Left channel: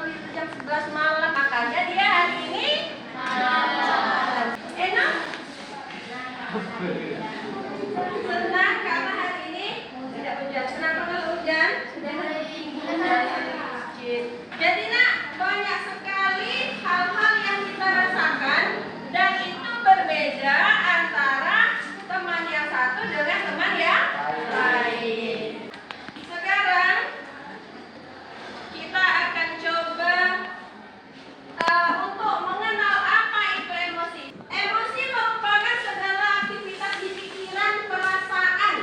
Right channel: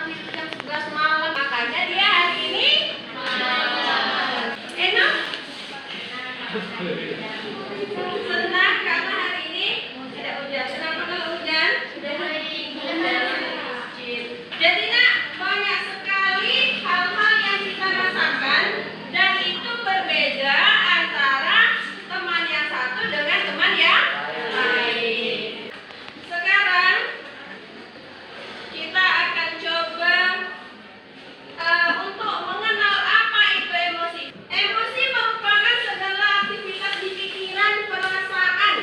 bangun tidur jam 11 malam, makanya dia hari ini malas. Enak? Senang karena hari ini tidak hujan. Senang karena hujan? Sudah mulai hujan. Jadi nak, banyak sekali hal-hal yang kita rasakan dan itu berbeda antara teman yang satu dengan teman yang lain. Sekarang kita akan coba untuk mengenal apa itu emosi. Emosi merupakan segala aktivitas di pikiran, perasaan.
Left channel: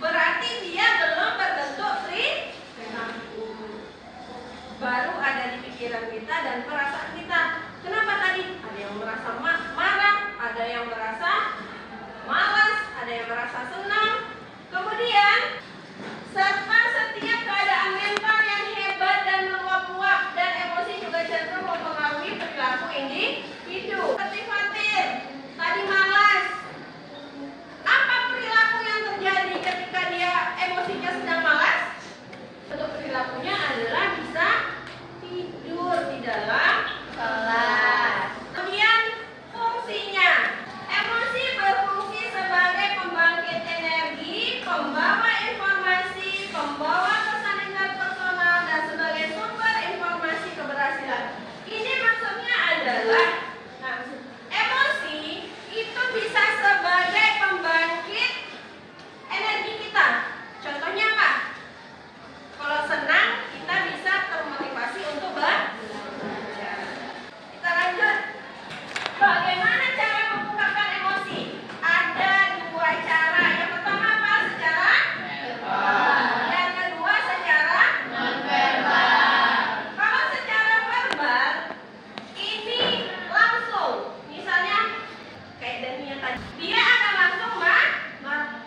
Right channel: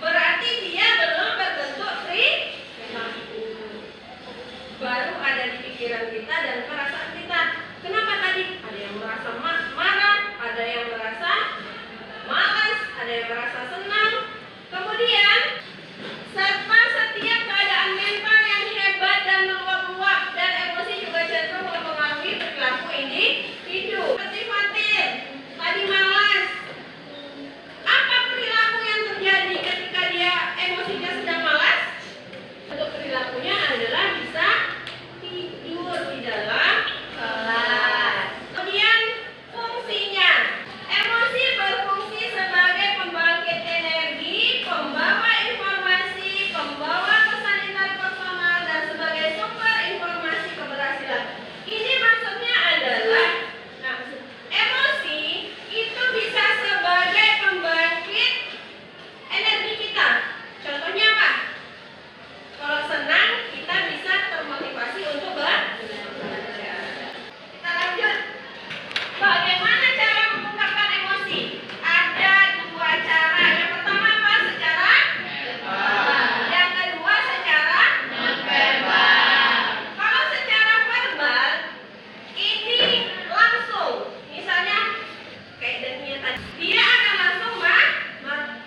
Berarti dia belum berbentuk perilaku. Baru ada di pikiran kita dan perasaan kita. Kenapa tadi? Ada yang merasa marah, ada yang merasa malas, ada yang merasa senang. Kemudian serta setiap keadaan mental yang hebat dan meluap-luap, dan emosi juga cenderung mempengaruhi perilaku individu. Seperti Fatir, tadi malas. Apa perilaku yang terjadi ketika dia emosinya sedang malas? Untuk perilakunya adalah bisa tidur di dalam kelas. Kemudian fungsinya, emosi berfungsi sebagai pembangkit energi, pembawa informasi, pembawa pesan interpersonal, dan sebagai sumber informasi keberhasilan. Ini maksudnya adalah, emosi itu bisa sebagai pembangkit energi kita. Contohnya apa? Kalau senang, kita bisa termotivasi untuk belajar. Kita lanjut. Bagaimana cara mengungkapkan emosi? Ada dua cara. Yang pertama apa? Secara verbal. Yang kedua secara non-verbal. Kalau secara verbal, ini langsung. Misalnya, kayak Dania tadi. Dia akan langsung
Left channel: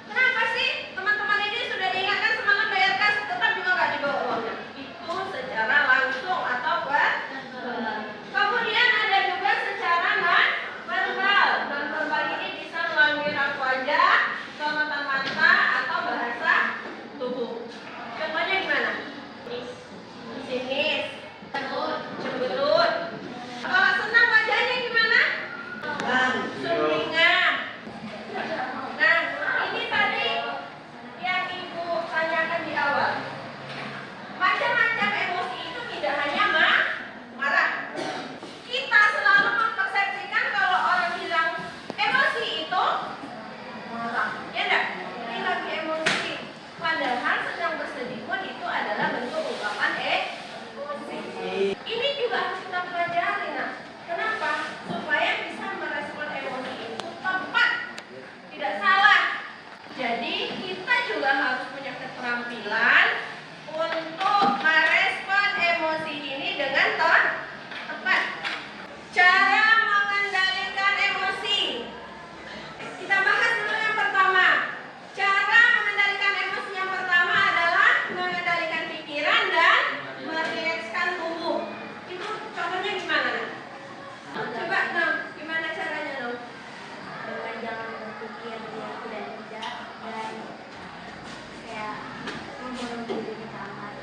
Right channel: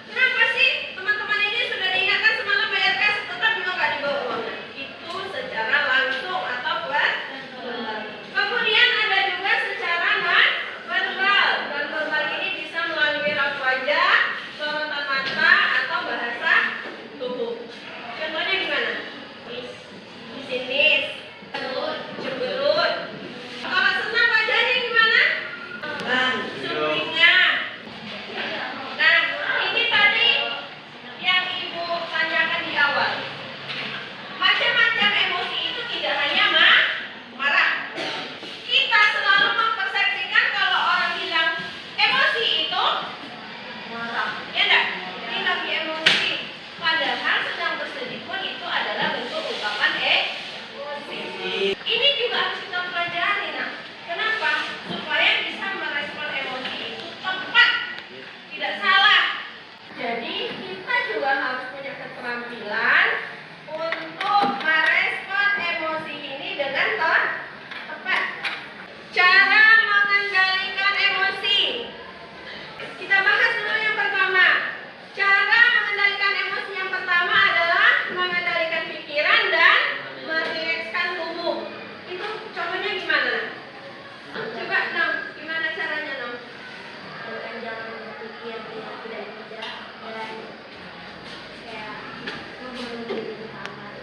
kenapa sih teman-teman ini sudah diingatkan semalam bayar kas, tetap juga nggak dibawa uangnya? Itu secara langsung atau verbal. Kemudian ada juga secara non-verbal. Non-verbal ini bisa melalui raut wajah, sorotan mata, atau bahasa tubuh. Contohnya gimana? Pesimis, cemberut. Kalau senang wajahnya gimana? Sumringah. Nah, ini tadi yang Ibu tanyakan di awal. Macam-macam emosi itu tidak hanya marah. Kita selalu mempersepsikan kalau orang bilang emosi itu marah. Ya enggak? Ini lagi emosi. Padahal sedang bersedih pun itu adalah bentuk ungkapan emosi. Ini juga harus kita pelajari. Nah, kenapa? Supaya bisa merespon emosi itu tepat, tidak salah. Jadi kita juga harus punya keterampilan untuk merespon emosi ini dengan tepat. Cara mengendalikan emosi. Kita bahas dulu yang pertama. Cara mengendalikan emosi yang pertama adalah mengendalikan pikiran dan merilekskan tubuh. Itu contohnya gimana? Coba dong, gimana caranya dong? Dengan jangan berpikir yang tidak dan kayak membunuh diri di kamar.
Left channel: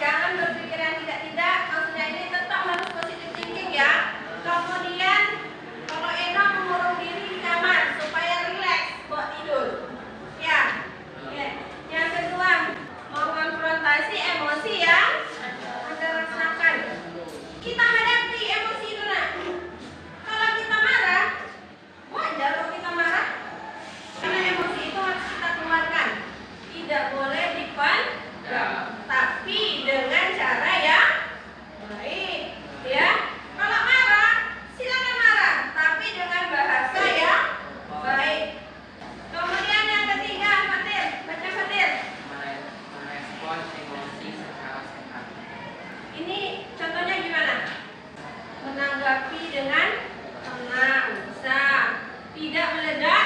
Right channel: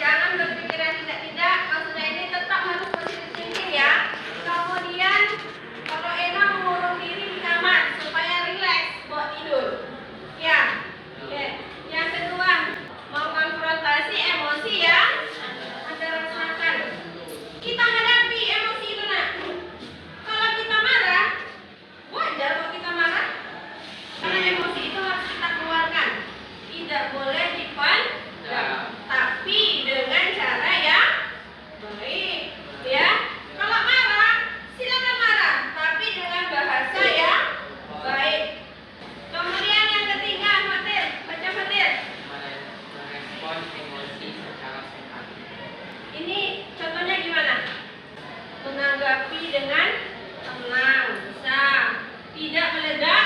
Jangan berpikir yang tidak. Maksudnya ini tetap harus positive thinking ya. Kemudian kalau Eno mengurung diri di kamar supaya rileks buat tidur. Ya. Yang kedua, mengonfrontasi emosi yang Anda rasakan. Kita hadapi emosi itu nak. Kalau kita marah, wajar kok kita marah. Karena emosi itu harus kita keluarkan. Tidak boleh dipendam, tapi dengan cara yang baik, ya. Kalau marah, silakan marah, tapi dengan bahasa yang baik. Kemudian yang ketiga, Fatir, baca Fatir. Merespon emosi secara sehat. Ini contohnya gimana? Menanggapi dengan tenang, bisa. Tidak meledak.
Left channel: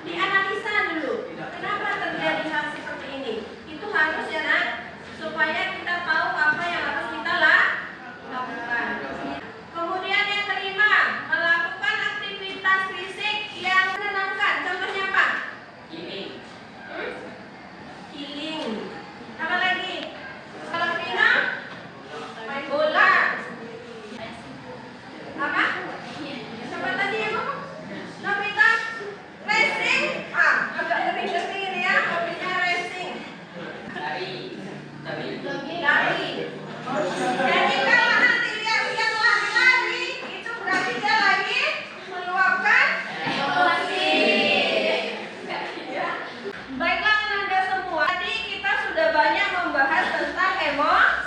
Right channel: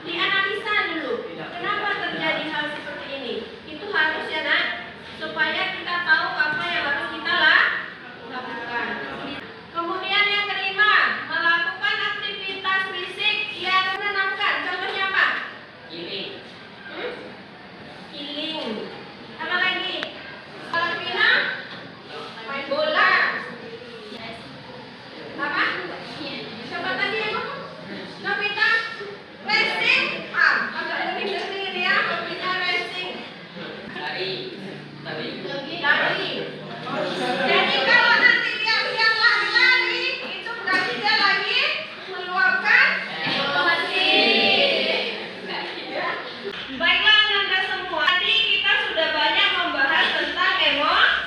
Dianalisa dulu. Kenapa terjadi hal seperti ini? Itu harus ya nak, supaya kita tahu apa yang harus kita lakukan. Kemudian yang kelima, melakukan aktivitas fisik yang menenangkan. Contohnya apa? Healing. Healing. Apa lagi?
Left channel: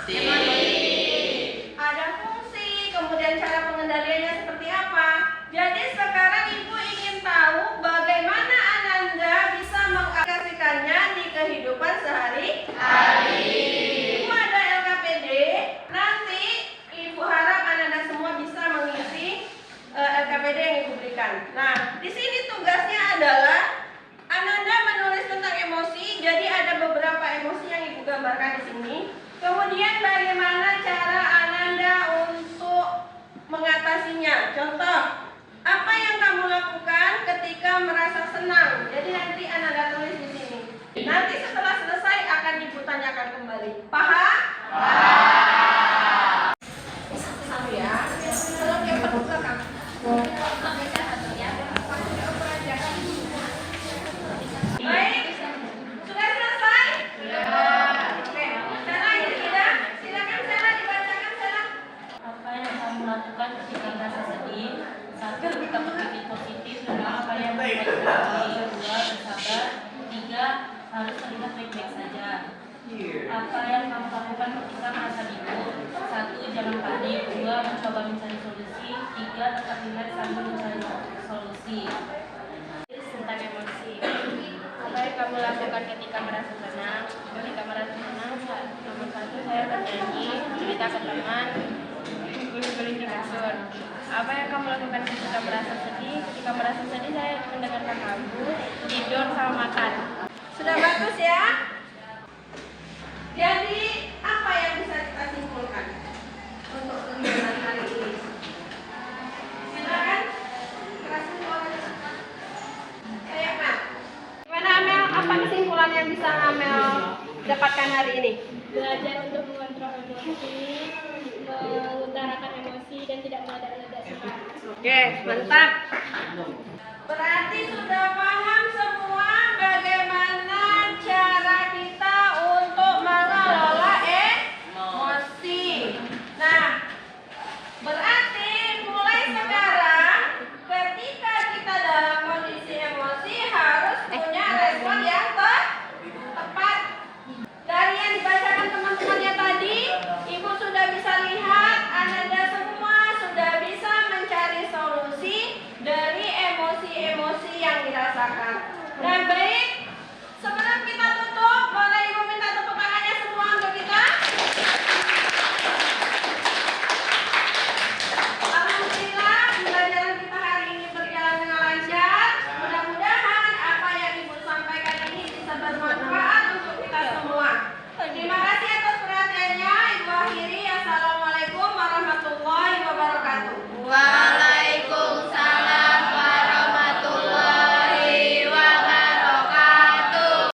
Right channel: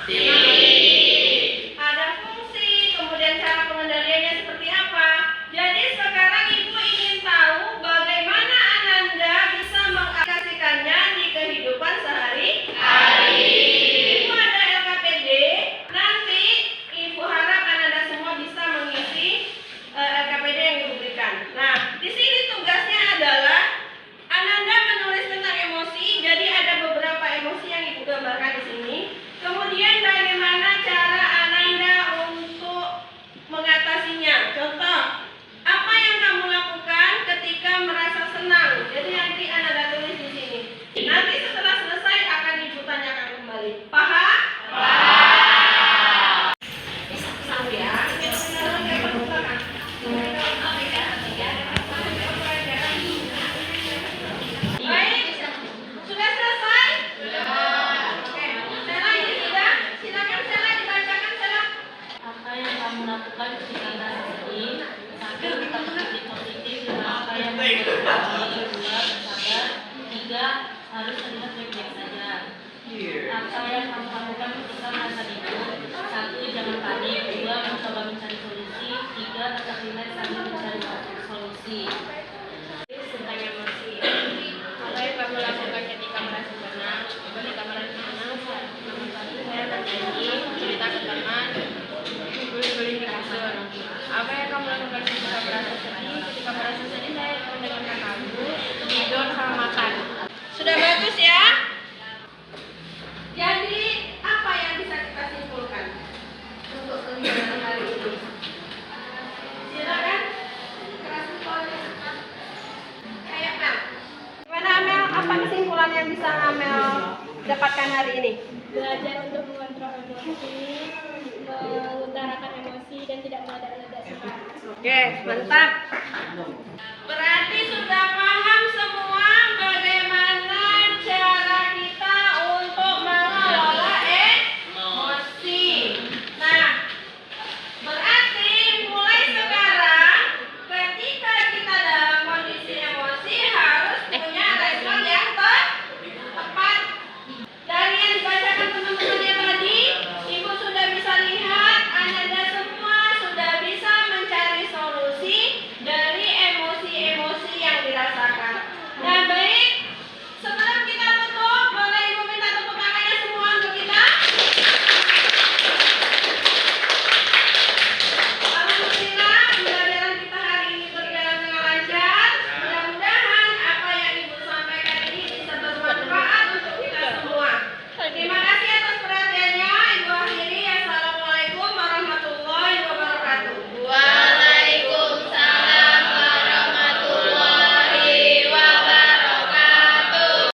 Ada fungsi, kemudian cara pengendaliannya seperti apa. Jadi sekarang Ibu ingin tahu bagaimana Ananda bisa mengaplikasikannya di kehidupan sehari-hari. Ibu ada LKPD, nanti Ibu harap Ananda semua bisa mengisi LKPD yang Ibu berikan. Nah, di sini tugasnya adalah Ananda menulis tentang emosi. Jadi ada beberapa emosi yang Ibu gambarkan di sini. Kemudian bagaimana cara Ananda untuk mengatasinya. Contoh, apa yang kamu lakukan ketika merasa senang? Jadi nanti Ananda tulis di sini. Nanti setelah selesai akan Ibu tanyakan kembali. Paham? Paham. Satu ya. Tolong yang ke belakang. Baik, sudah selesai? Oke, Sela ini sudah. Silakan Sela dibacakan Sela. Apa yang kamu lakukan ketika merasa sedih? 1. Tetap berpikir positif dengan apa yang membuat kamu. 2. Bersabar. 3. Harus terlihat baik-baik saja. Apa yang kamu lakukan ketika merasa bingung? 1. Jangan panik. 2. Mencoba mencari solusi. 3. Tetap relax sambil mencari solusi. Tentang emosi. Apa yang kamu lakukan ketika merasa senang? Ketika merasa senang, nomor 1 saya bernyanyi, cerita ke teman, guling-guling di kasur. Apa yang kamu lakukan ketika merasa sedih? Ketika merasa sedih saya mendengarkan lagu, tidur sama makan. Sudah bagus ya? Jadi apa yang bisa kita simpulkan untuk pembelajaran hari ini? Silakan. Keras kayak Mel. Gimana Mel? Apa kesimpulan yang bisa Mel dapatkan hari ini? Belajar untuk mengontrol emosi, mengutarakan emosi dan tidak meledak-ledak cepat. Oke, mantap. Berarti sudah paham semua bagaimana cara kita untuk mengelola emosi. Nah, berarti mulai sekarang ketika kita dalam kondisi emosi harus punya respon yang tepat. Dari yang dibacakan teman-temannya tadi, Ibu sudah bisa lihat Ananda semua sudah bisa mencari solusi dari emosi-emosi yang dirasakan. Nah, baik,